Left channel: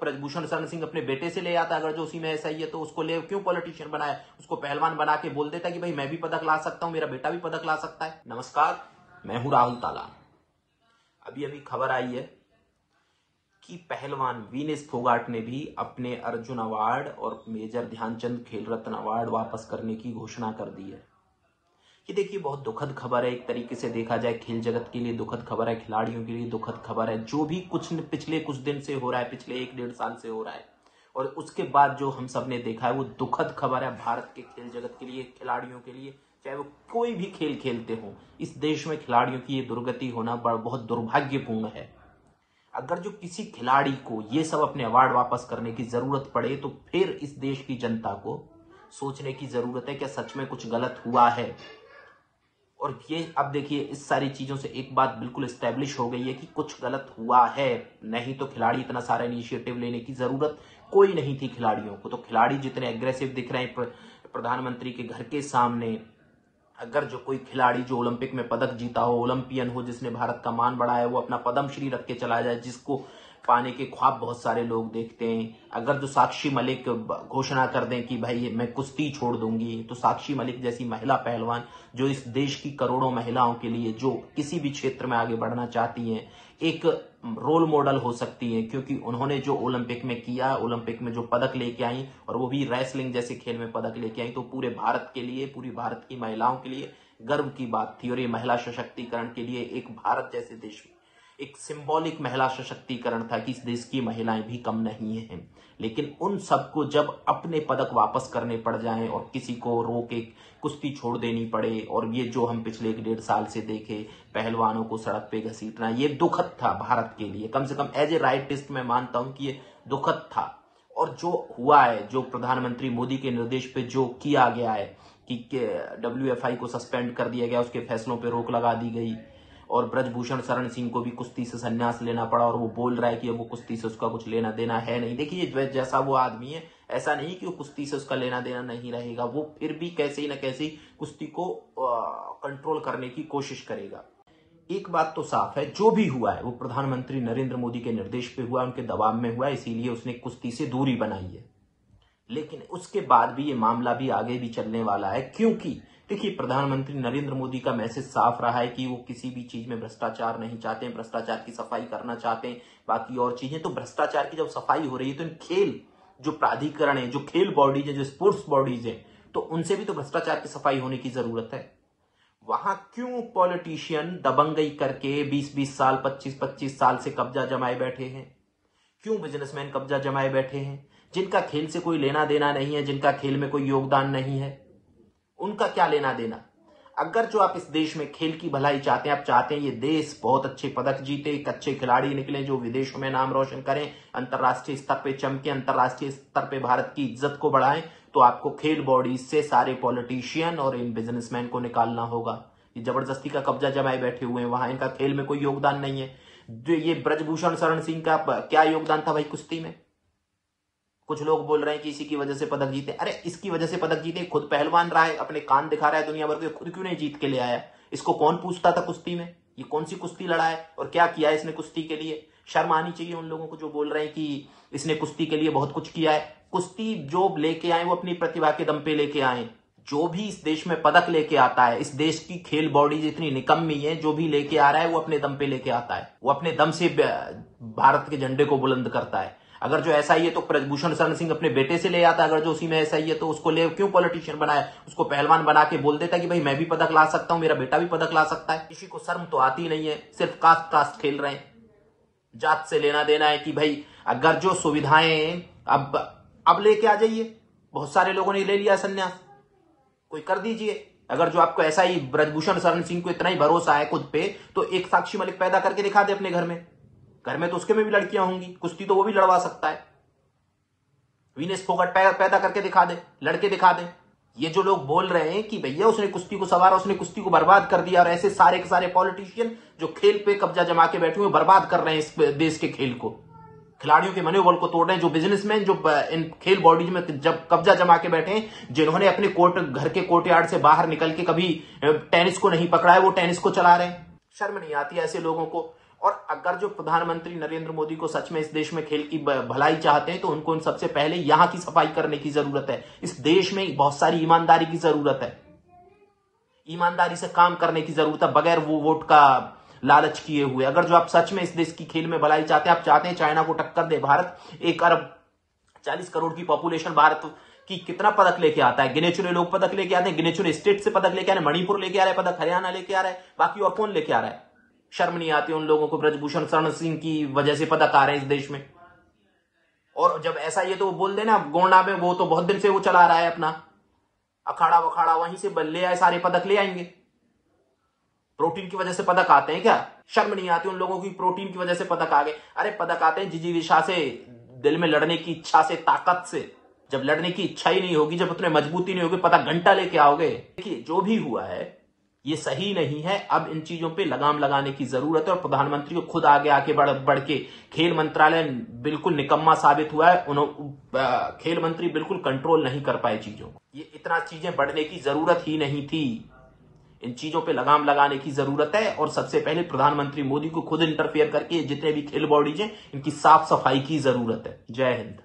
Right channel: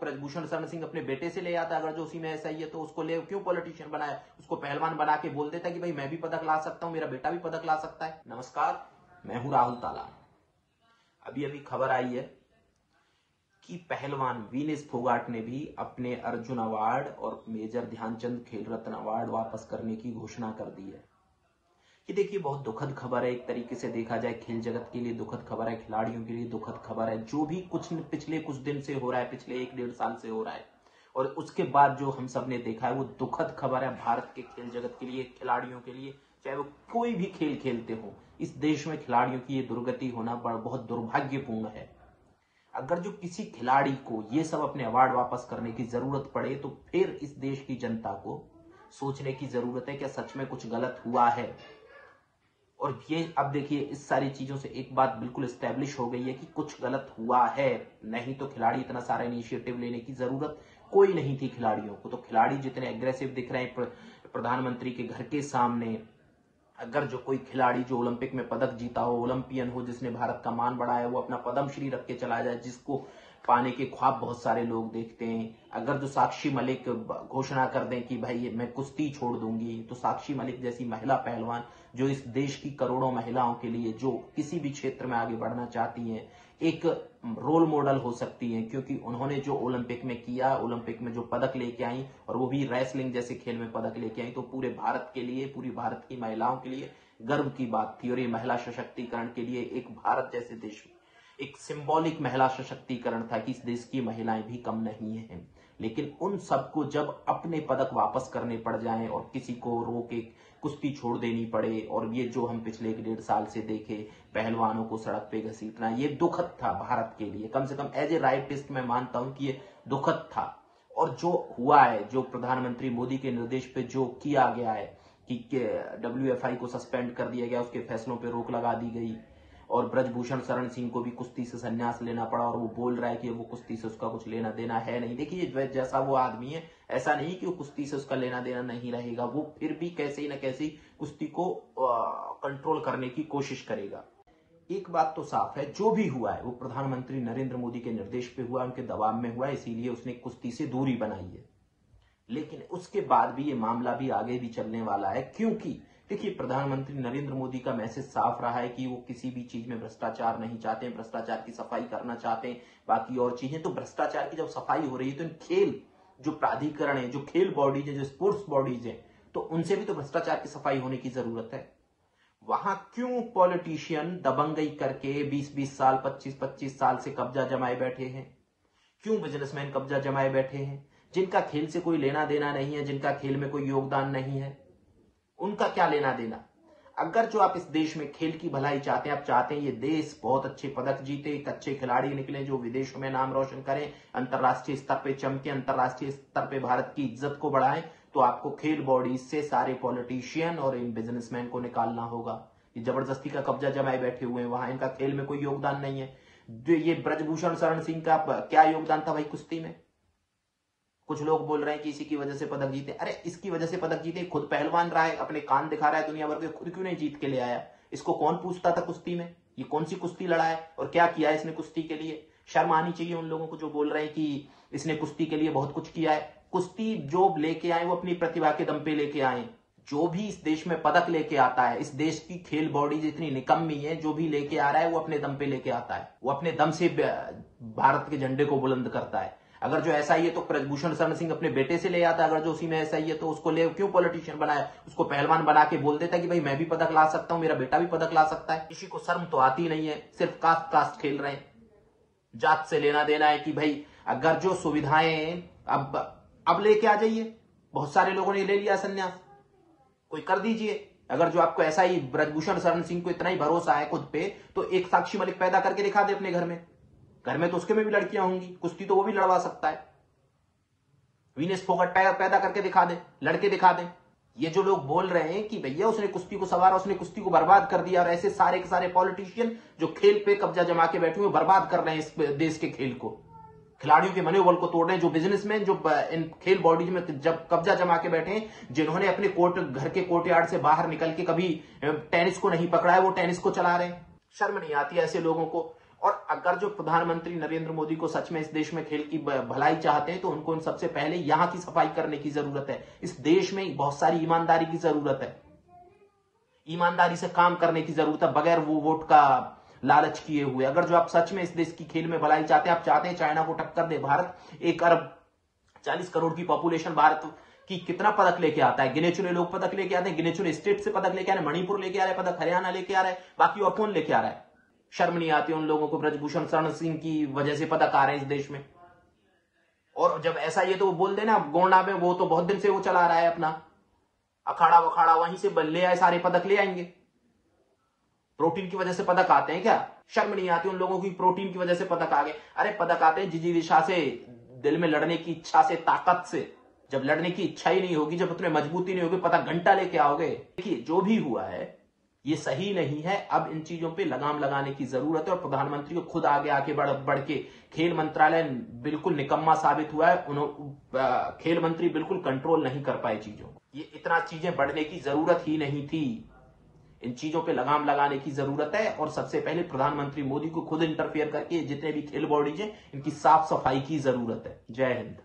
ब्रजभूषण शरण सिंह अपने बेटे से ले आता, अगर जो उसी में ऐसा ही है तो उसको ले क्यों पॉलिटिशियन बनाया, उसको पहलवान बना के बोल देता कि भाई मैं भी पदक ला सकता हूं, मेरा बेटा भी पदक ला सकता है। नमस्कार, मैं हूं राहुल तालान। अभी अभी खबर आई है कि पहलवान विनेश फोगाट ने भी अपने अर्जुन अवार्ड और मेजर ध्यानचंद खेल रत्न अवार्ड वापस करने की घोषणा कर दी है। ये देखिए बहुत दुखद खबर है, एक तरीके से देखा जाए खेल जगत के लिए दुखद खबर है, खिलाड़ियों के लिए दुखद खबर है। जो भी कुछ पिछले कुछ दिन से हो रहा है, पिछले 1-1.5 साल से हो रहा है और उसके बाद जो हम सब ने देखा है वो दुखद खबर है भारत के खेल जगत के लिए, खिलाड़ियों के लिए, चाहे वो कोई भी खेल खेलते हो। इस देश में खिलाड़ियों की ये दुर्गति होना बहुत दुर्भाग्यपूर्ण है। अगर जो किसी खिलाड़ी को ये सब अपने अवार्ड वापस करने की जरूरत पड़े तो फिर इस देश की जनता को सोचने की जरूरत है क्या सच में कुछ गलत हुआ है। और ये अब देखिए इस सारी चीजों से एक बात बिल्कुल एस्टेब्लिश हो गई है कि कुछ गलत हुआ है, नहीं तो खिलाड़ी इतना सारा इनिशिएटिव लेने की जरूरत कोई नहीं थी खिलाड़ियों को। तो खिलाड़ी जितने एग्रेसिव दिख रहे हैं प्रधानमंत्री के घर के सामने, अगर जो कोई खिलाड़ी जो ओलंपिक में पदक जीता हो, ओलंपियन हो, जिसने भारत का मान बढ़ाया, वो अपना पद्मश्री रख के चला जाए, जिसको पाने के ख्वाब बहुत सारे लोग देखते हैं। अगर जो साक्षी मलिक घोषणा कर दें कि भाई मैं कुश्ती छोड़ दूंगी, तो साक्षी मलिक जैसी महिला पहलवान जो इस देश की करोड़ों महिलाओं के लिए जो किसी भी क्षेत्र में आगे बढ़ना चाहती हैं एक रोल मॉडल हो सकती हैं, क्योंकि उन्होंने जो ओलंपिक में किया, ओलंपिक में जो पदक लेके आई और वो भी रेसलिंग जैसे खेल में पदक लेके आई, तो पूरे भारत के लिए, पूरी भारत की महिलाओं के लिए गर्व की बात थी। और ये महिला सशक्तिकरण के लिए एक भारत जैसे देश में एक सिंबॉलिक महिला सशक्तिकरण था कि इस देश की महिलाएं भी कम नहीं हैं। लेकिन उन सबको जब अपने पदक वापस करने पड़ जाएं और किसी को रोके कुश्ती छोड़ देनी पड़े, और ये जो हम पिछले 1-1.5 साल से देखे पहलवानों को सड़क पे घसीटना, ये दुखद था भारत के लिए। कम से कम एज ए राइटिस्ट मैं मानता हूं कि ये दुखद था। और जो हुआ है, जो प्रधानमंत्री मोदी के निर्देश पे जो किया गया है कि WFI को सस्पेंड कर दिया गया, उसके फैसलों पे रोक लगा दी गई और ब्रजभूषण शरण सिंह को भी कुश्ती से संन्यास लेना पड़ा, और वो बोल रहा है कि अब वो कुश्ती से उसका कुछ लेना देना है नहीं। देखिए जैसा वो आदमी है, ऐसा नहीं कि वो कुश्ती से उसका लेना देना नहीं रहेगा, वो फिर भी कैसे न कैसे कुश्ती को कंट्रोल करने की कोशिश करेगा। एक बात तो साफ है, जो भी हुआ है वो प्रधानमंत्री नरेंद्र मोदी के निर्देश पे हुआ, उनके दबाव में हुआ, इसीलिए उसने कुश्ती से दूरी बनाई है। लेकिन उसके बाद भी ये मामला भी आगे भी चलने वाला है, क्योंकि देखिए प्रधानमंत्री नरेंद्र मोदी का मैसेज साफ रहा है कि वो किसी भी चीज में भ्रष्टाचार नहीं चाहते हैं, भ्रष्टाचार की सफाई करना चाहते हैं। बाकी और चीजें, तो भ्रष्टाचार की जब सफाई हो रही है तो इन खेल जो प्राधिकरण है, जो खेल बॉडीज है, जो स्पोर्ट्स बॉडीज है, तो उनसे भी तो भ्रष्टाचार की सफाई होने की जरूरत है। वहां क्यों पॉलिटिशियन दबंगई करके 20-20 साल, 25-25 साल से कब्जा जमाए बैठे हैं? क्यों बिजनेसमैन कब्जा जमाए बैठे हैं? जिनका खेल से कोई लेना देना नहीं है, जिनका खेल में कोई योगदान नहीं है, उनका क्या लेना देना? अगर जो आप इस देश में खेल की भलाई चाहते हैं, आप चाहते हैं ये देश बहुत अच्छे पदक जीते, एक अच्छे खिलाड़ी निकले जो विदेशों में नाम रोशन करें, अंतर्राष्ट्रीय स्तर पे चमके, अंतर्राष्ट्रीय स्तर पे भारत की इज्जत को बढ़ाएं, तो आपको खेल बॉडी से सारे पॉलिटिशियन और इन बिजनेसमैन को निकालना होगा। ये जबरदस्ती का कब्जा जमाए बैठे हुए हैं, वहां इनका खेल में कोई योगदान नहीं है। जो ये ब्रजभूषण शरण सिंह का क्या योगदान था भाई कुश्ती में? कुछ लोग बोल रहे हैं कि इसी की वजह से पदक जीते। अरे इसकी वजह से पदक जीते, खुद पहलवान रहा है, अपने कान दिखा रहा है दुनिया भर के, खुद क्यों नहीं जीत के ले आया? इसको कौन पूछता था कुश्ती में? ये कौन सी कुश्ती लड़ा है और क्या किया है इसने कुश्ती के लिए? शर्म आनी चाहिए उन लोगों को जो बोल रहे हैं कि इसने कुश्ती के लिए बहुत कुछ किया है। कुश्ती जो लेके आए वो अपनी प्रतिभा के दम पे लेके आए। जो भी इस देश में पदक लेके आता है, इस देश की खेल बॉडी जितनी निकम्मी है, जो भी लेके आ रहा है वो अपने दम पे लेके आता है, वो अपने दम से भारत के झंडे को बुलंद करता है। अगर जो ऐसा ही है तो ब्रजभूषण शरण सिंह अपने बेटे से ले आता, अगर जो उसी में ऐसा ही है तो उसको ले क्यों पॉलिटिशियन बनाया, उसको पहलवान बना के बोल देता कि भाई मैं भी पदक ला सकता हूं, मेरा बेटा भी पदक ला सकता है। किसी को शर्म तो आती नहीं है, सिर्फ कास्ट खेल रहे हैं, जात से लेना देना है कि भाई अगर जो सुविधाएं अब लेके आ जाइए। बहुत सारे लोगों ने ले लिया संन्यास, कोई कर दीजिए। अगर जो आपको ऐसा ही ब्रजभूषण शरण सिंह को इतना ही भरोसा है खुद पे, तो एक साक्षी मलिक पैदा करके दिखा दे अपने घर में तो उसके में भी लड़कियां होंगी, कुश्ती तो वो भी लड़वा सकता है। विनेश फोगाट पैदा करके दिखा दे, लड़के दिखा दे। ये जो लोग बोल रहे हैं कि भैया उसने कुश्ती को सवारा, उसने कुश्ती को बर्बाद कर दिया, और ऐसे सारे के सारे पॉलिटिशियन जो खेल पे कब्जा जमा के बैठे हुए बर्बाद कर रहे हैं इस देश के खेल को, खिलाड़ियों के मनोबल को तोड़ रहे हैं। जो बिजनेसमैन जो इन खेल बॉडीज में जब कब्जा जमा के बैठे हैं, जिन्होंने अपने घर के कोर्टयार्ड से बाहर निकल के कभी टेनिस को नहीं पकड़ा है, वो टेनिस को चला रहे हैं। शर्म नहीं आती ऐसे लोगों को? और अगर जो प्रधानमंत्री नरेंद्र मोदी को सच में इस देश में खेल की भलाई चाहते हैं तो उनको सबसे पहले यहां की सफाई करने की जरूरत है। इस देश में बहुत सारी ईमानदारी की जरूरत है, ईमानदारी से काम करने की जरूरत है, बगैर वो वोट का लालच किए हुए। अगर जो आप सच में इस देश की खेल में भलाई चाहते हैं, आप चाहते हैं चाइना को टक्कर दे भारत, 1 अरब 40 करोड़ की पॉपुलेशन भारत की कितना पदक लेके आता है, गिने चुने लोग पदक लेके आते हैं, गिने चुने स्टेट से पदक लेके आ रहे हैं, मणिपुर लेके आ रहा है पदक, हरियाणा लेके आ रहा है, बाकी और कौन लेके आ रहा है? शर्म नहीं आती उन लोगों को? ब्रजभूषण शरण सिंह की वजह से पदक आ रहे हैं इस देश में। और जब ऐसा ये तो वो बोल देना गोंडा में, वो तो बहुत दिन से वो चला रहा है अपना अखाड़ा वखाड़ा, वहीं से ले आए, सारे पदक ले आएंगे। प्रोटीन की वजह से पदक आते हैं क्या? शर्म नहीं आती उन लोगों की? प्रोटीन की वजह से पदक आ गए। अरे पदक आते हैं जिजीविषा से, दिल में लड़ने की इच्छा से, ताकत से। जब लड़ने की इच्छा ही नहीं होगी, जब उतने मजबूती नहीं होगी, पदक घंटा लेके आओगे। देखिए जो भी हुआ है ये सही नहीं है। अब इन चीजों पे लगाम लगाने की जरूरत है और प्रधानमंत्री को खुद आगे आके बढ़ के, खेल मंत्रालय बिल्कुल निकम्मा साबित हुआ है, खेल मंत्री बिल्कुल कंट्रोल नहीं कर पाए चीजों को। ये इतना चीजें बढ़ने की जरूरत ही नहीं थी। इन चीजों पे लगाम लगाने की जरूरत है और सबसे पहले प्रधानमंत्री मोदी को खुद इंटरफेयर करके जितने भी खेल बॉडीज हैं इनकी साफ सफाई की जरूरत है। जय हिंद।